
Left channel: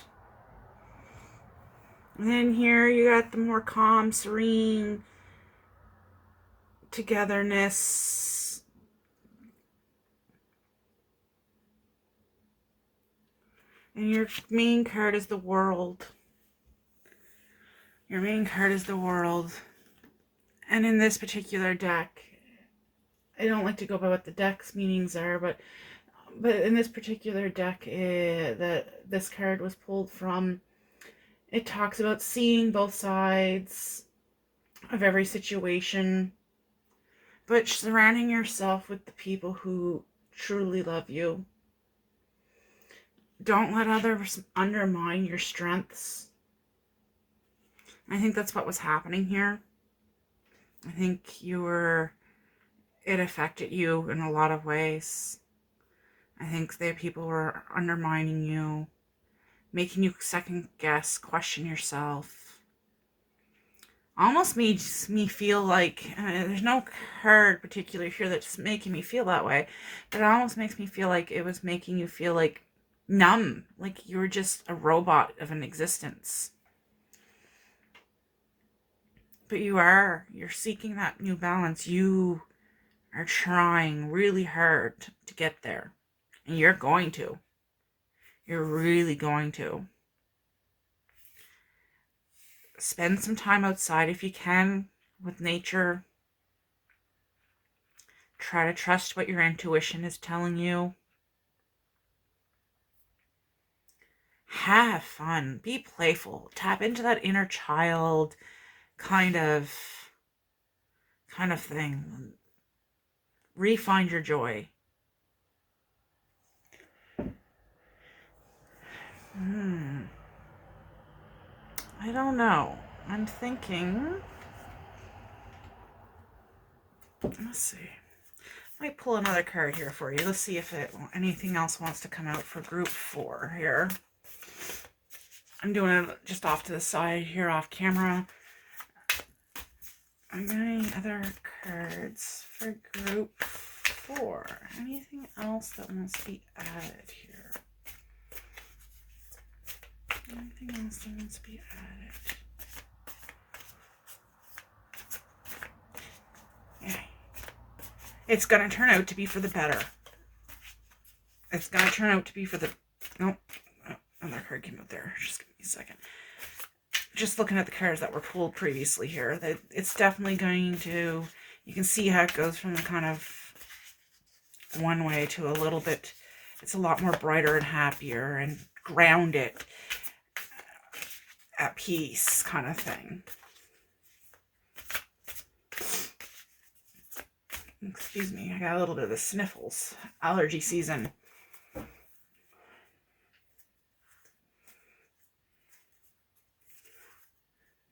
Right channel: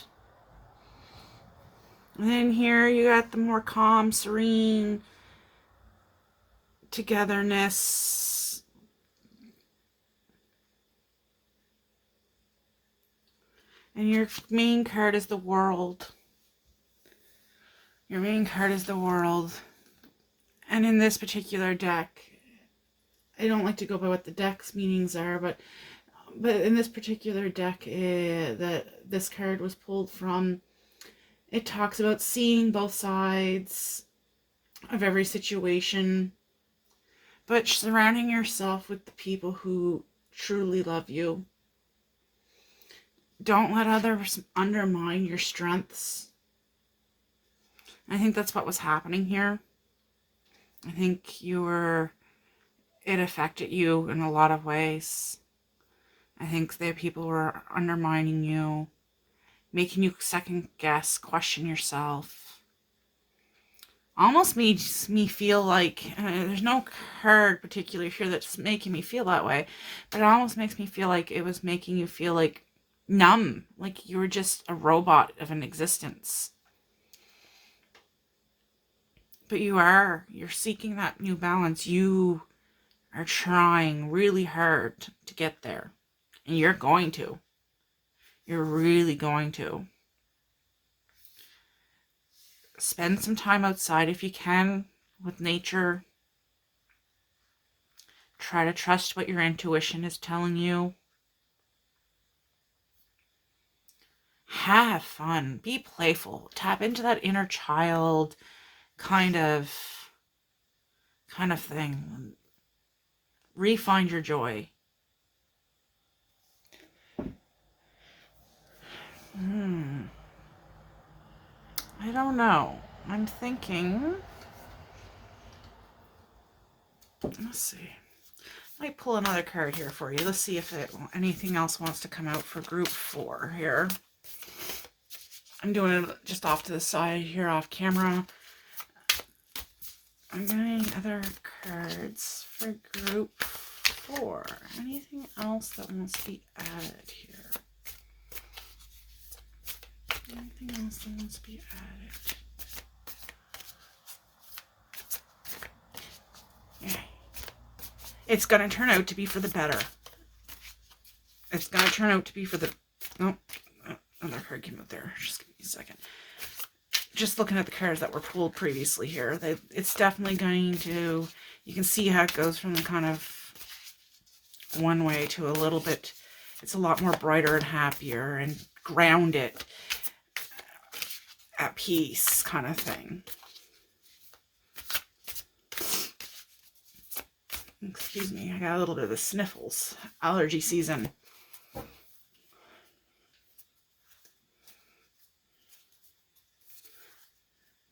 And then here you got the more calm, serene togetherness. And your main card is the world. Your main card is the world. And in this particular deck, I don't like to go by what the deck's meanings are, but in this particular deck that this card was pulled from, it talks about seeing both sides of every situation, but surrounding yourself with the people who truly love you. Don't let others undermine your strengths. I think that's what was happening here. I think it affected you in a lot of ways. I think that people were undermining you, making you second guess, question yourself. Almost makes me feel like, there's no card particular here that's making me feel that way, but it almost makes me feel like it was making you feel like numb, like you were just a robot of an existence. But you're seeking that new balance. You are trying really hard to get there, and you're going to. You're really going to. Spend some time outside if you can with nature. Try to trust what your intuition is telling you. Have fun. Be playful. Tap into that inner child kind of thing. Re-find your joy. I don't know. I'm thinking. Let's see. Might pull another card here for you. Let's see if anything else wants to come out for group 4 here. I'm doing it just off to the side here, off camera. I'm getting other cards for group 4. Anything else that wants to be added here? Anything else that wants to be added? Yeah. It's going to turn out to be for the better. It's going to turn out to be for the... Nope. Another card came out there. Just give me a second. Just looking at the cards that were pulled previously here, it's definitely going to... You can see how it goes from kind of one way to a little bit... It's a lot more brighter and happier and grounded, at peace kind of thing. Excuse me, I got a little bit of the sniffles. Allergy season.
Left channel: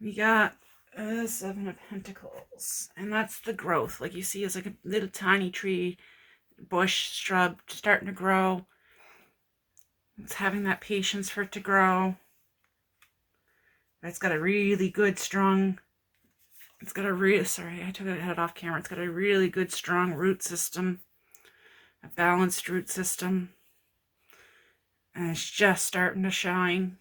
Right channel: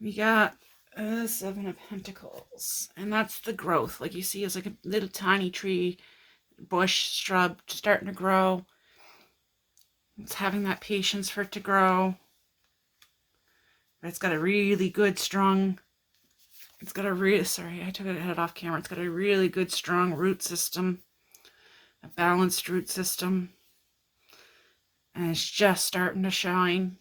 We got a 7 of Pentacles, and that's the growth. Like you see, it's like a little tiny tree, bush, shrub starting to grow. It's having that patience for it to grow. But it's got a really good, strong... It's got a really... Sorry, I took it head off camera. It's got a really good, strong root system. A balanced root system. And it's just starting to shine.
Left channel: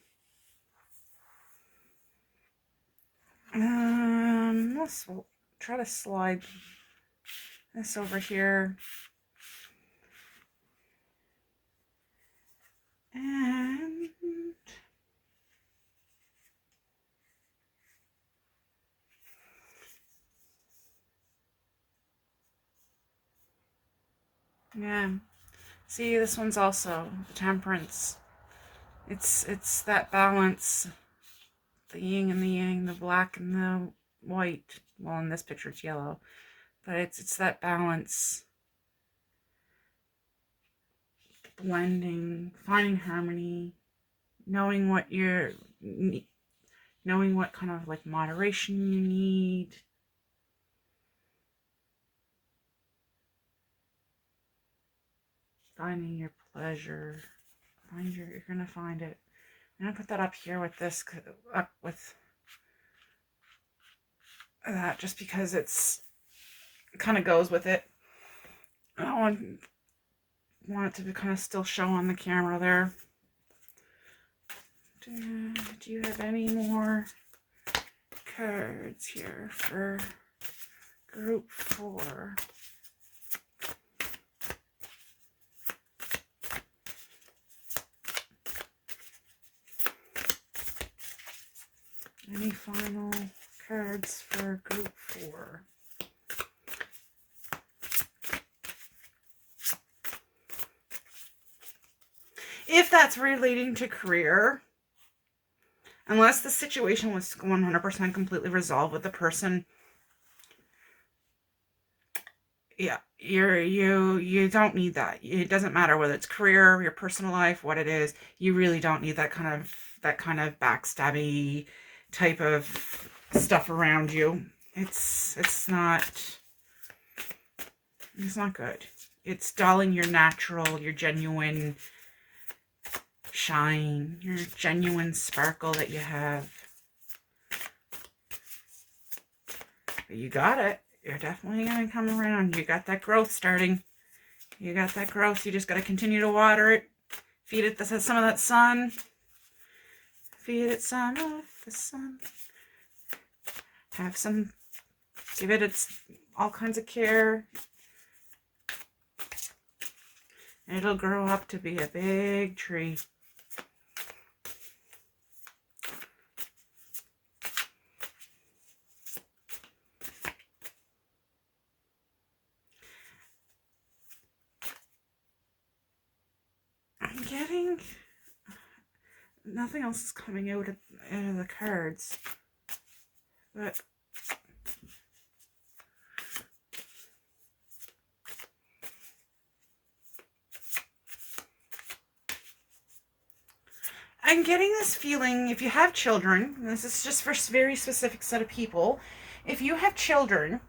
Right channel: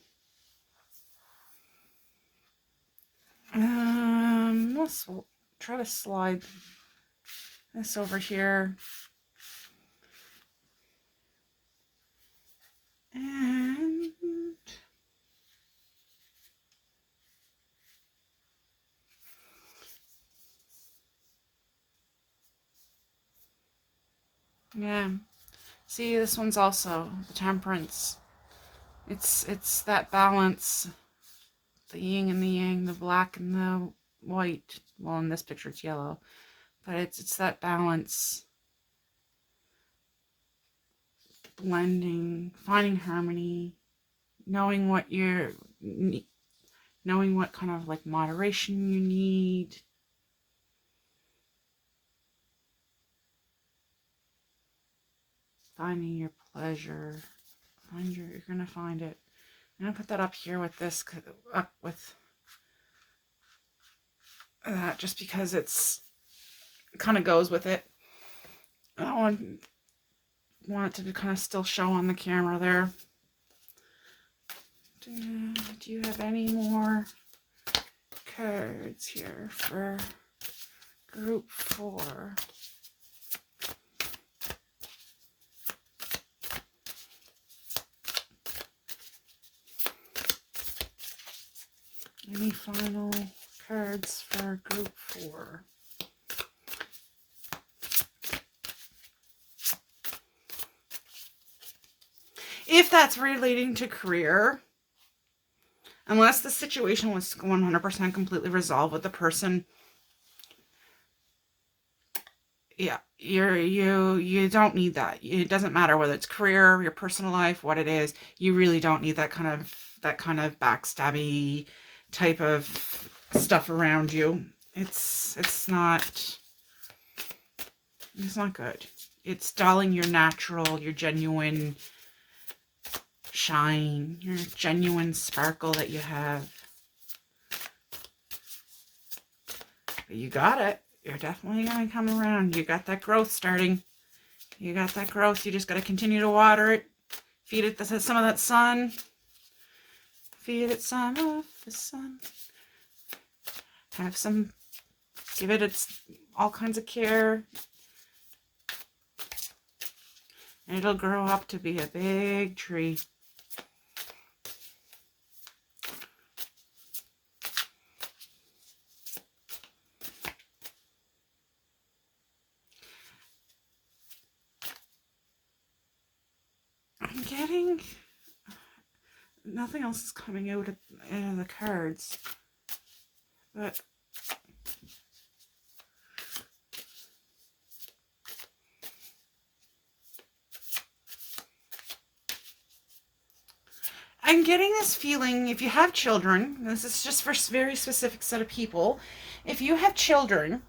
We'll try to slide this over here. And yeah, see, this one's also the Temperance. It's that balance, the yin and the yang, the black and the white. Well, in this picture it's yellow, but it's that balance, blending, finding harmony, knowing what kind of like moderation you need. Finding your pleasure. You're gonna find it. I'm gonna put that up here with this, up with that, just because it kind of goes with it. I want it to kind of still show on the camera there. Do you have any more cards here for group 4? Any final cards for group 4? If that's relating to career, unless the situation was 100% completely resolved with the person, yeah, you don't need that. It doesn't matter whether it's career, your personal life, what it is. You really don't need that kind of backstabby type of stuff around you. It's not good. It's dulling your natural, your genuine shine, your genuine sparkle that you have. But you got it. You're definitely going to come around. You got that growth starting. You got that growth. You just got to continue to water it. Feed it some of that sun. Feed it some of the sun. Give it all kinds of care. And it'll grow up to be a big tree. I'm getting... Nothing else is coming out of the cards. But... I'm getting this feeling, if you have children, this is just for a very specific set of people, if you have children,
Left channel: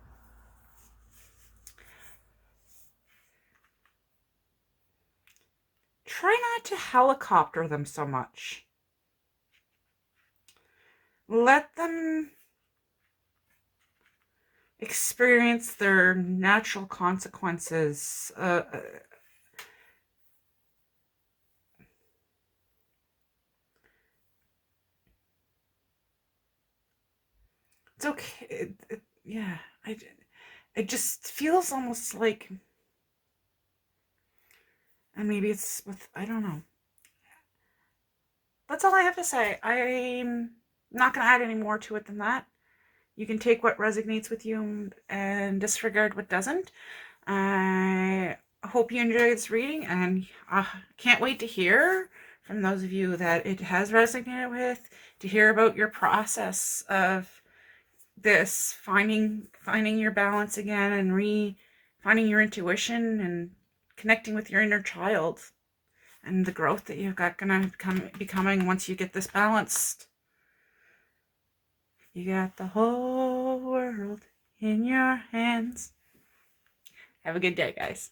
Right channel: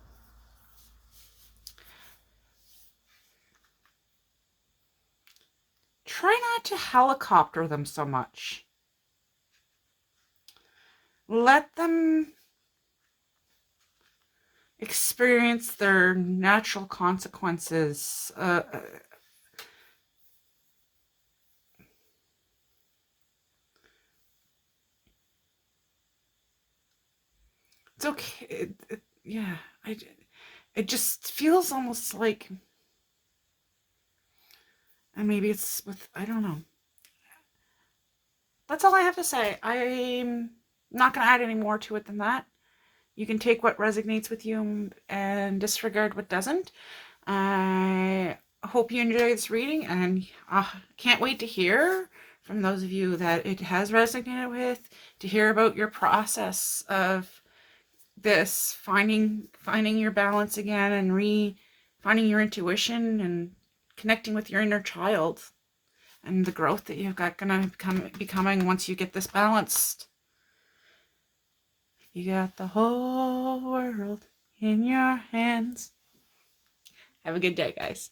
try not to helicopter them so much. Let them experience their natural consequences. It's okay. Yeah, it just feels almost like, and maybe it's with, I don't know. That's all I have to say. I'm not going to add any more to it than that. You can take what resonates with you and disregard what doesn't. I hope you enjoy this reading, and can't wait to hear from those of you that it has resonated with, to hear about your process of this, finding your balance again, and finding your intuition and connecting with your inner child, and the growth that you've got gonna be coming once you get this balanced. You got the whole world in your hands. Have a good day, guys.